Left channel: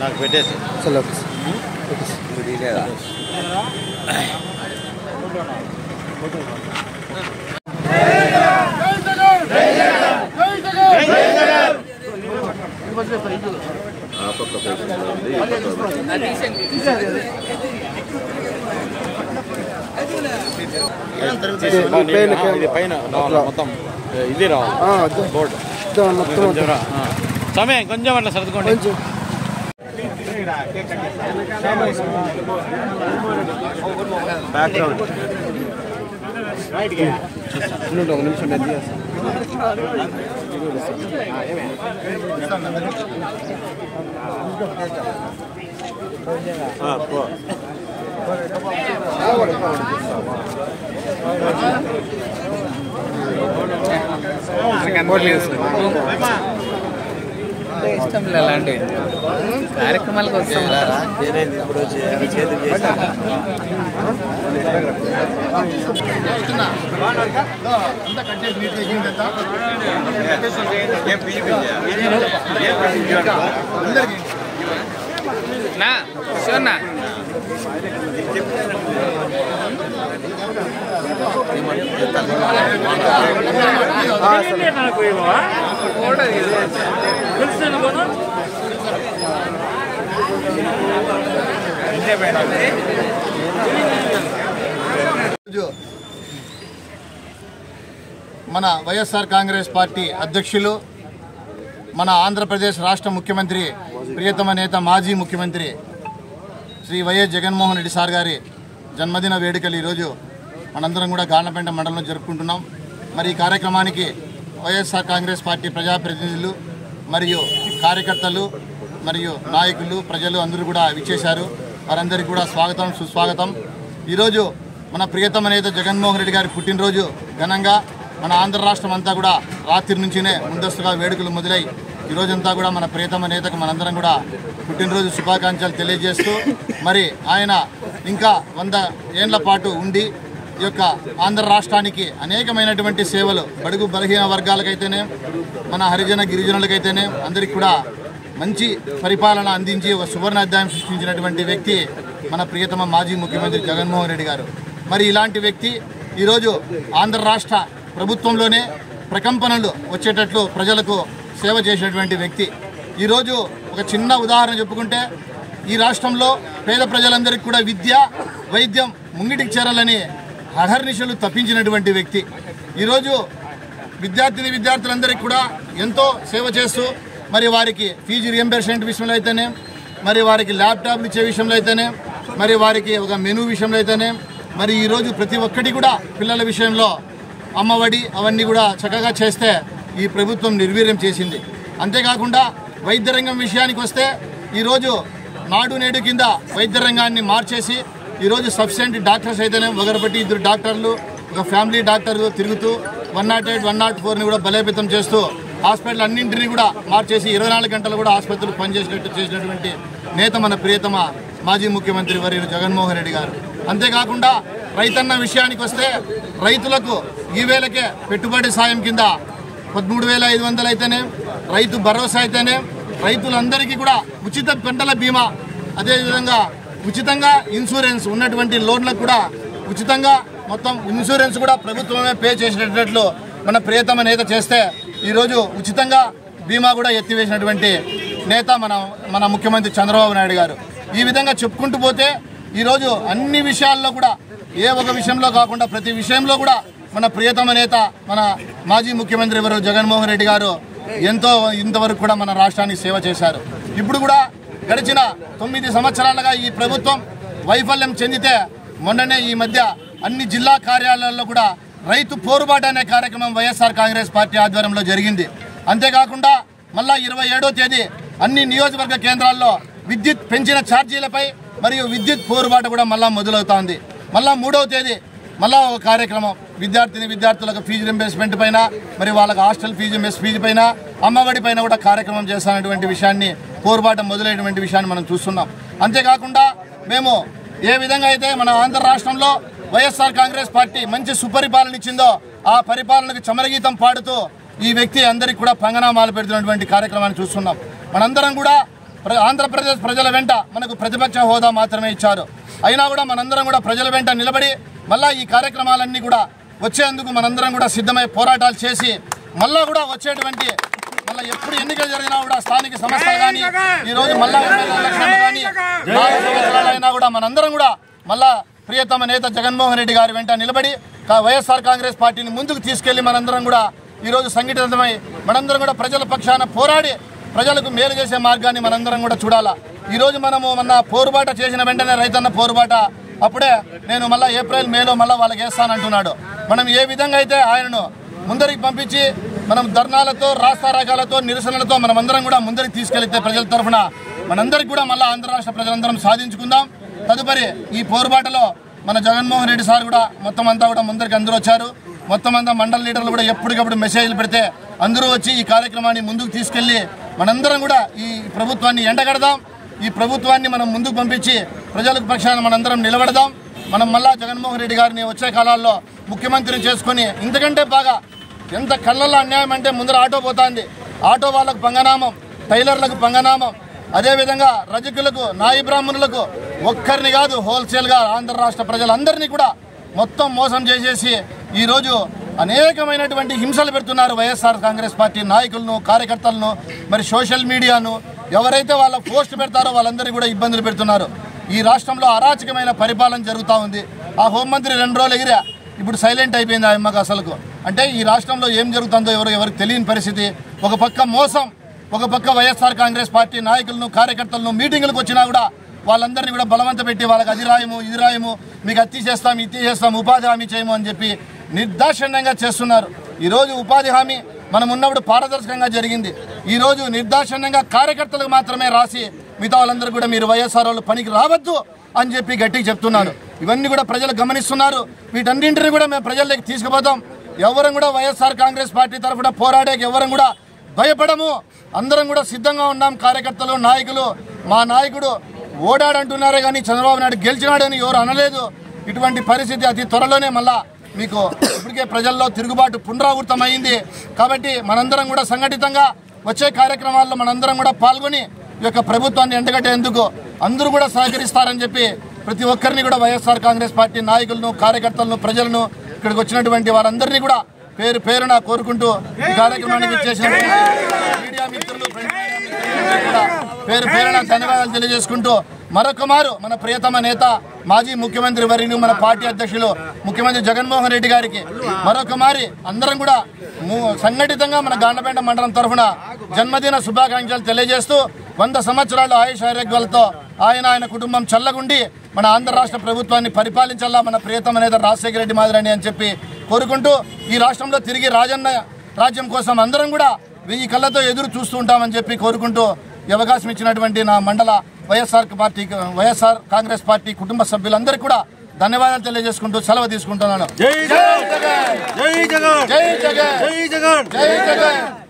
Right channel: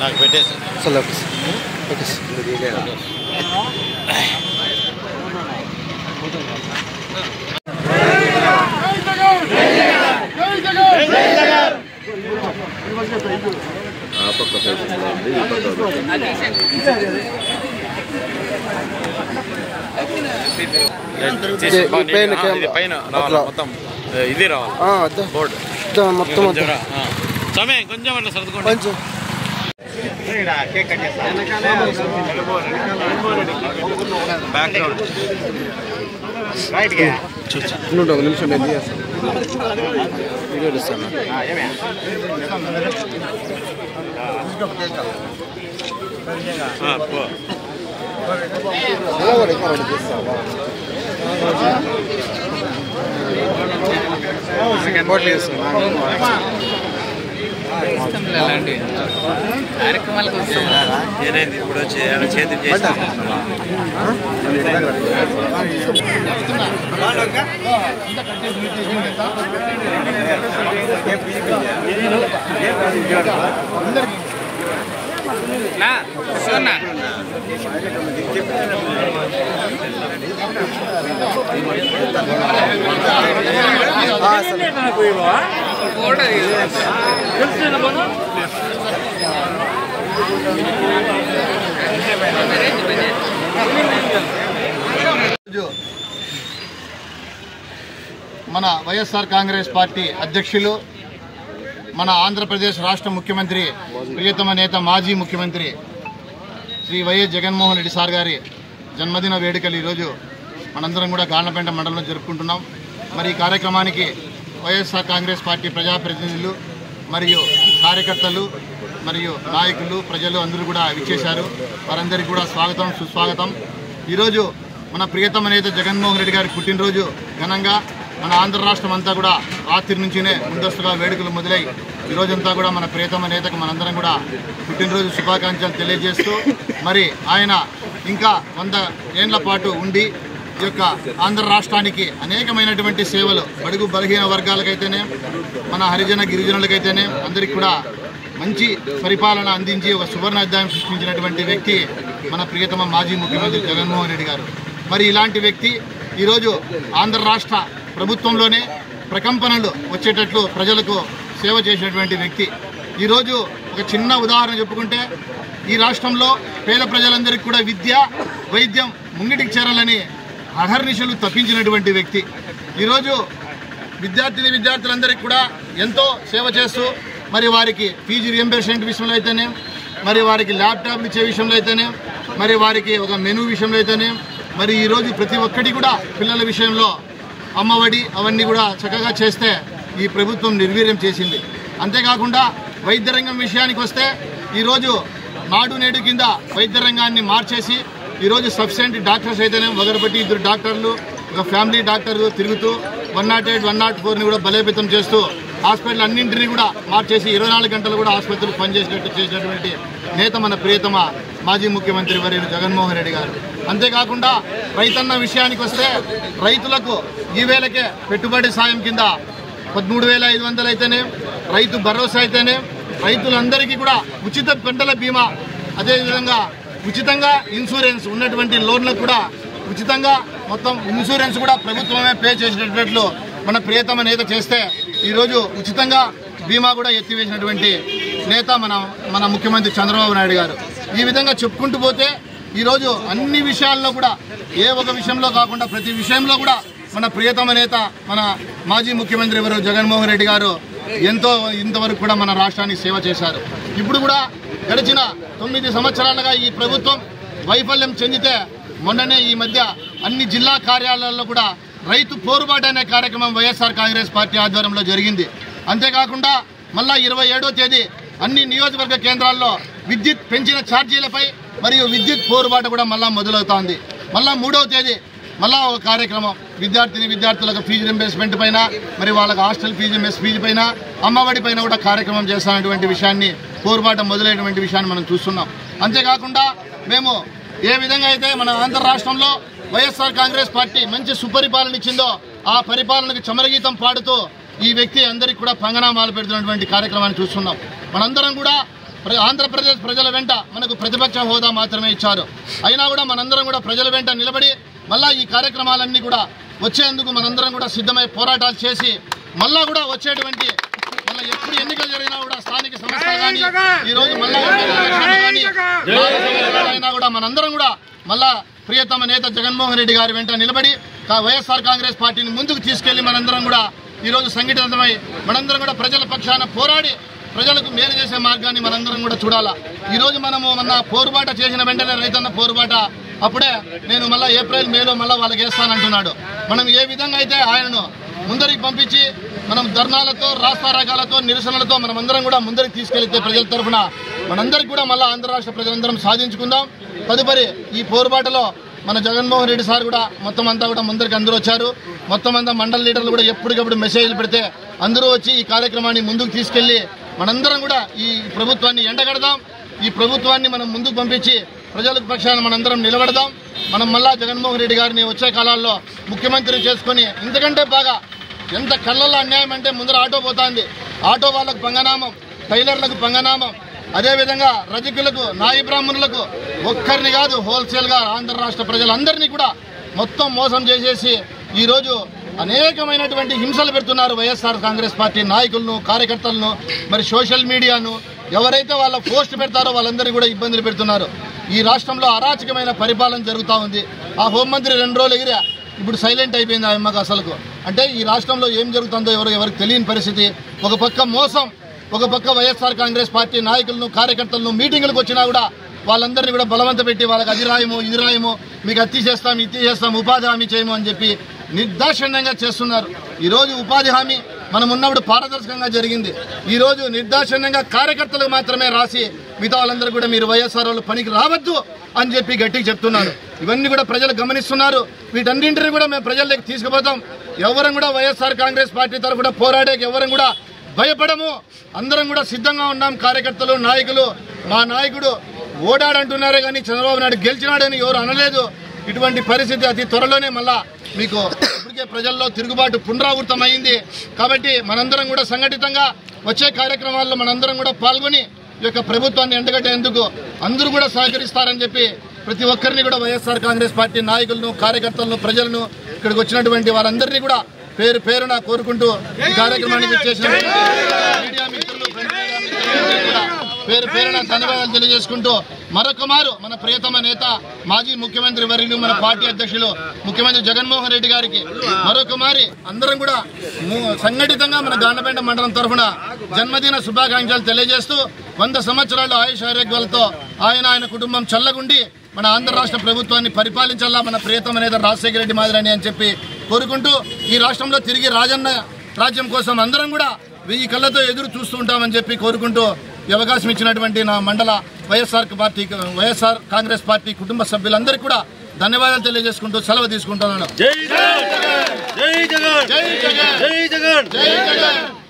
నాకు పెట్టేసి పైన మొత్తం ఇది రావాలి బోర్డు మొత్తం సమయం కొంచెం అట్లా సర్దుకోండి. బ్యాక్గ్రౌండ్ ఒక నిమిషం వీడియో ఇస్తాను. అలాంటి కార్యక్రమాలకు ఏదైంది ఇప్పుడు చేతులు చేసి మన వైఎస్ఆర్ కాంగ్రెస్ పార్టీ అధ్యక్షులు మన ఆంధ్రప్రదేశ్ రాష్ట్ర ముఖ్యమంత్రి ప్రియతమ నేత మాజీ ముఖ్యమంత్రి శ్రీ వైఎస్ జగన్మోహన్ రెడ్డి సార్ గారి జన్మదిన వేడుకలు ఈరోజు మనందరం కూడా గార్లపేట మండలంలో జరుపుకుంటున్నాం. మరి ఈ కార్యక్రమానికి వైఎస్ఆర్ కాంగ్రెస్ పార్టీ ప్రజాప్రతినిధులు మరియు కార్యకర్తలు మరియు నాయకులు ప్రజలు అందరూ కూడా విచ్చేశారు. వారందరికీ కూడా స్వాగతం సుస్వాగతం. ఈరోజు మన ప్రియతమ నేత జగన్మోహన్ రెడ్డి గారి పుట్టినరోజు ఘనంగా మన ఆంధ్ర రాష్ట్రం అంతా కూడా రాత్రి నుంచినే ముందస్తుగా వేడుకలు మొదలై ఈరోజంతా కూడా మన ప్రియతమ నేతకు మనందరం కూడా పుట్టినరోజు శుభాకాంక్షలు తెలియజేస్తూ మరి ఆయన ఇంకా 100 ఏళ్ల పాటు ఉండి ఈ యొక్క ఆంధ్ర రాష్ట్రానికి అనేకమైనటువంటి సేవలు బడుగు బలహీన వర్గాలకైతేనే మన హరిజన గిరిజనులకైతేనే అందరికీ కూడా మంచి పరిపాలన అందించి ఒక సువర్ణ అధ్యాయం సృష్టించినటువంటి వ్యక్తి మన ప్రియతమ మాజీ ముఖ్యమంత్రి జగన్మోహన్ రెడ్డి గారు. మరి ఇలాంటి వ్యక్తి ఈరోజు ఆంధ్ర రాష్ట్ర ప్రభుత్వంలోనే ప్రకంపనలు వచ్చేటట్లు ప్రజలకు సేవ చేసినటువంటి వ్యక్తి. ఈరోజు ఒక చిన్న ఉదాహరణ చెప్పుకుంటే ఈ రాష్ట్రంలో పేద ప్రజలందరికీ కూడా విద్య వైద్యం ముంగిటికి చేరాలని అహర్నిశలు తప్పించినటువంటి వ్యక్తి. ఈరోజు విద్యార్థులందరికీ కూడా ఎంతో సేవ చేస్తూ మరి వారికి ఫీజు రియంబర్స్మెంట్ విషయంలో అయితేనే మరి వారికి ల్యాప్టాప్లు ఇచ్చే విషయంలో అయితేనే మరి వారికి ఒక మెనూ విషయంలో అయితేనే మరి ఈరోజు ప్రతి ఒక్కటి కూడా పిల్లల విషయంలో అమ్మఒడి అవన్నీ కూడా చక్కగా చేస్తే ఈ ప్రభుత్వం నిర్వీర్యం చేసింది. అంతేకాకుండా వైద్య రంగం విషయానికి వస్తే ఈరోజు నాడు నేడు కింద వైద్య రంగాన్ని మార్చేసి ఈరోజు సఫిషియెంట్ డాక్టర్స్ అయితేనే ఒకరిబట్టి 2 డాక్టర్లు ఒక ఫ్యామిలీ డాక్టర్లు తిరుగుతూ 108, 104ని కూడా బలోపేతం చేస్తూ హాస్పిటల్ అన్నింటినీ కూడా మార్చేసి 24 గంటలు కూడా ఆసుపత్రులు పనిచేసేటట్టు చేసినటువంటి నేత మన ప్రియతమ మాజీ ముఖ్యమంత్రి వర్యులు జగన్మోహన్ రెడ్డి గారు. అంతేకాకుండా రైతన్న విషయానికి వస్తే రైతులకు ఈ వేళకే పెట్టుబడి సాయం కింద 13,500 అయితేనే రైతు భరోసా అయితేనే రైతులందరికీ కూడా ఉచిత పంటల బీమా అదేవిధంగా ఉచితంగా ఇన్సూరెన్స్ ఉన్నటువంటి లోన్లకు కూడా ఉచితంగా మొత్తం ఇన్సూరెన్స్ కూడా ప్రభుత్వమే పే చేసేటట్లు మన ప్రియతమ నేత చేస్తే ఈరోజు ఉచితంగా బీమా కూడా ఎత్తివేసినటువంటి నేత మన ముఖ్యమంత్రి చంద్రబాబు నాయుడు గారు. ఈ విధంగా చెప్పుకుంటూ పోతే ఈరోజు అన్ని విషయాల్లో కూడా ఏ ఒక విషయంలో కాకుండా ప్రతి విషయంలో కూడా మన ప్రియతమ నేత మన మాజీ ముఖ్యమంత్రి ఎవరు జగన్మోహన్ రెడ్డి గారు ఎంతో ఇంతవరకు కూడా మన రాష్ట్రానికి సేవ చేశారు. ఇప్పుడు కూడా గడిచిన 9 సంవత్సరాలుగా ఈ ప్రభుత్వం వైఫల్యం చెందితే మొన్ననే ఈ మధ్య అన్ని జిల్లా కార్యాలయాల్లో కూడా రైతు పోరుబాటు అనే కార్యక్రమం వైఎస్ఆర్ కాంగ్రెస్ పార్టీ ఆధ్వర్యంలో జరిగింది. అంతేకాకుండా మళ్ళా 27వ తేదీ అన్ని నియోజకవర్గ కేంద్రాల్లో విద్యుత్ పెంచిన ఛార్జీలపై మరియు విద్యుత్ పోరుబాటు కూడా మళ్ళా మొదలవుతోంది. మళ్ళా 3వ తేదీ మళ్ళా ఒక కార్యక్రమం విద్యార్థులకు ఫీజు రింబర్స్మెంట్ పైన, మరి వాళ్ళకి హాస్టల్ ఫీజు, మెస్ ఫీజు పైన, అమ్మఒడి పైన కూడా కార్యక్రమం చేస్తున్నటువంటి విషయాన్ని, పోరుబాట మొదలైనటువంటి విషయాన్ని మనం చూస్తున్నాం. అంతేకాకుండా మేము ఏ విధంగా అయితే మన ఆంధ్ర రాష్ట్రంలో వైఎస్ఆర్ కాంగ్రెస్ పార్టీ మంచి సుపరిపాలన ఇచ్చిందో ఆ పరిపాలనకు చమరగీతం పాడుతూ ఈ వ్యక్తి అందరికీ కూడా పంగనామాలు పెడుతున్నటువంటి కార్యక్రమాన్ని చూస్తున్నాం. మనందరం కూడా ఆంధ్రప్రదేశ్ ప్రజల వెంట మనకు ప్రతిపక్ష హోదా మాత్రమే ఇచ్చారు. అయినా కూడా మనందరం కూడా ప్రజల వెంట నిలబడి మళ్ళా ఈ కార్యక్రమాలన్నీ కూడా వచ్చేందుకు మనందరం కూడా సిద్ధమై పోరాటాలు చేసి మళ్ళా కూడా వచ్చేటువంటి మళ్ళీ ఎప్పుడు ఎన్నికలు జరిగినా కూడా స్థానిక సంస్థలు కానీ ఈరోజు మళ్ళా అయినా కూడా మనందరం కూడా మళ్ళా ప్రియతమ నేత జగన్మోహన్ రెడ్డి గారి వెంట నిలబడి వైఎస్ఆర్ కాంగ్రెస్ పార్టీని ముందుకు తీసుకెళ్లి మనందరం కూడా ఈరోజు సంఘటితమై మనందరం కూడా ప్రజల పక్షాన పోరాడి ప్రజలకు మేలు చేసే మార్గాన్ని మనందరం కూడా చూడాలా. ఈరోజు మనము మొన్న పోరుబాట చేసిన వెంటనే రైతన్న పోరుబాట అప్పుడే నేను మళ్ళీ ఏప్రిల్ మేలో మళ్ళీ వాళ్ళకి వేస్తానంటున్నాడు. మనం ఏ విధంగా అయితే ఆయనను ముందరికి పంపించి మనం ధర్నాలతో, రాస్తారోకాలతో, నిరసనలతో మనమందరం కూడా ముందరికి తీసుకెళ్తే ప్రజల తరఫున మనందరికి కూడా మళ్ళీ ఆంధ్ర రాష్ట్ర ప్రజలందరం సాధించుకుందాం. తదుపరి ఈ పోరుబాటలో మన జగన్మోహన్ రెడ్డి సార్ కూడా మొత్తం అంతా కూడా ముందరికి అందరూ వచ్చారు. మొత్తం అంతా మండల లీడర్లు కూడా ఎప్పటికప్పుడు మెసేజ్లు పెడితే అందరూ వచ్చి ఈ కార్యక్రమాన్ని ముందుకు తీసుకెళ్లి మనందరం కూడా ఈ ప్రభుత్వాన్ని ఎండగడదాం. ఈ ప్రభుత్వాన్ని మనం ముందుకు పంపించి ప్రజలకు పక్షాన మనందరం నిలబడదాం. మనం మళ్ళా జగన్మోహన్ రెడ్డి గారిని వచ్చే కాలాల్లో ముఖ్యమంత్రిని చేసుకుని ఇంతకంటే బాగా ఎంత కళ్ళల్లో అన్యాయం అంటే ముందర ఆటో పోతుంది, ఆటో వాళ్ళకు పంగనామం, టైలర్లకు పంగనామం, అదేవిధంగా రజకులకు, నాయి బ్రాహ్మణులకు ఒక్కరిని కాదు హోల్సేల్గా ఆంధ్ర రాష్ట్ర ప్రజలందరినీ కూడా మొత్తం మోసం చేసేసి ఈరోజు అనేకమైనటువంటి హింసలు పెడుతున్నారు వైఎస్ఆర్ కాంగ్రెస్ పార్టీ నాయకులను, కార్యకర్తలను, మరి సోషల్ మీడియాను ఎవరైతే వాళ్ళ పోస్ట్ పెడతారో వాళ్ళందరినీ కూడా ఇబ్బందులు పెడుతున్నారు. ఈ రాష్ట్రంలో అరాచకమైన పరిపాలన జరుగుతూ ఉంది. ఆ హోంమంత్రి 2 రోజులు ఎగిరా, ఇప్పుడు సైలెంట్ అయిపోయింది ఆ అమ్మకు. అసలుకు అంటే ఈ రాష్ట్రంలో ఏం జరుగుతుందో ఎవరికి తెలియని పరిస్థితి. ఒక పక్క మోసం, ఒక పక్క వైఎస్ఆర్ కాంగ్రెస్ పార్టీ నాయకులను, కార్యకర్తలను మీటింగులకు వచ్చినా కూడా వాళ్ళందరినీ కూడా బలవంత పెట్టి వాళ్ళకి అది రాయము, ఇది రాయము, మీకు అత్తి చేస్తాం, ఇది చేస్తాం, ఉపాధి హామీ చేయము అని చెప్పి నిర్దాక్షిణ్యంగా చేస్తున్నారు. ఈరోజు ఉపాధి హామీ మనం ఉన్నప్పుడు పారదర్శకంగా జరిగింది. ఈరోజు నిర్దాక్షిణ్యంగా కార్యకర్తలకు మాత్రమే రాసి మిగతా వాళ్ళందరూ కూడా మీరు వైఎస్ఆర్ వాళ్ళు పనికి రావద్దు అని చెప్పి గట్టిగా చెప్తున్నారు. ఇవన్నీ కూడా ప్రజలు గమనిస్తున్నారు. వీటన్నింటినీ కూడా మేము ప్రజల్లోకి తీసుకుపోతాం. ఎవరం కూడా వైఎస్ఆర్ కాంగ్రెస్ పార్టీ తరఫున పోరాడేకి ఎవరం కూడా భయపడము. అందరం కూడా సిద్ధంగా ఉన్నాం. కార్యకర్తలు, నాయకులు. మా నాయకుడు ఓడాడంటున్నారే కానీ చంద్రబాబు నాయుడు గెలిచినాడని ఎవరు అనలేదు. ఇటువంటి పరిస్థితి అతి త్వరలోనే మళ్ళా మీకు ఇప్పటికే ప్రజల్లో తిరుగుబాటు పునరావృతమైంది. కాబట్టి మనందరం కూడా సంఘటితంగా వచ్చే కార్యక్రమాల్లో మనందరం కూడా పాల్గొని ఈ యొక్క ప్రభుత్వాన్ని ఎండగట్టేందుకు అందరూ కూడా సహకరిస్తారని చెప్పి ప్రతి ఒక్కరిని కూడా వైఎస్ఆర్ కాంగ్రెస్ పార్టీ నాయకులను, కార్యకర్తలను, ప్రజలను, ఇక్కడికి వచ్చినటువంటి వారందరినీ కూడా పేరు పేరున కోరుకుంటూ ఈ కార్యక్రమానికి వచ్చేసిన మీడియా మిత్రులు, కూడా పేరు పేరున ధన్యవాదాలు తెలియజేసుకుంటూ మరొక మారు మన ప్రియతమ నేత, మాజీ ముఖ్యమంత్రి వర్యులు, మన పార్టీ అధ్యక్షులు ముఖ్యమంత్రి జగన్మోహన్ రెడ్డి గారికి మరొక మారి అందరం కూడా సంఘటితంగా మన గాండ్లపేట మండలం తరఫున జన్మదిన శుభాకాంక్షలు తెలియజేస్తూ 100 సంవత్సరాలు ఆయుష్ ఆరోగ్యాలతో ఆయన కుటుంబం చల్లగుండి మన ఆంధ్ర రాష్ట్ర ప్రభుత్వాన్ని పరిపాలించాలా మన ప్రియతమ నేత రాజశేఖర రెడ్డి మాదిరని అని చెప్పి కోరుకుంటూ ఈ రాష్ట్రంలో తిరిగి రాజన్న రాజ్యం కోసం అందరం కూడా 1000 కళ్ళతో ఎదురు చూస్తూ ఉంటామని చెప్పి కోరుకుంటూ ఈ అవకాశం ఇచ్చినటువంటి నా మండల వైఎస్ఆర్ కాంగ్రెస్ పార్టీ కుటుంబ సభ్యులందరికీ కూడా ధన్యవాదాలు తెలియజేసుకుంటూ సెలవు తీసుకుంటున్నాను. జై జగన్, జై జగన్, జై జగన్, జై జగన్, జై జగన్.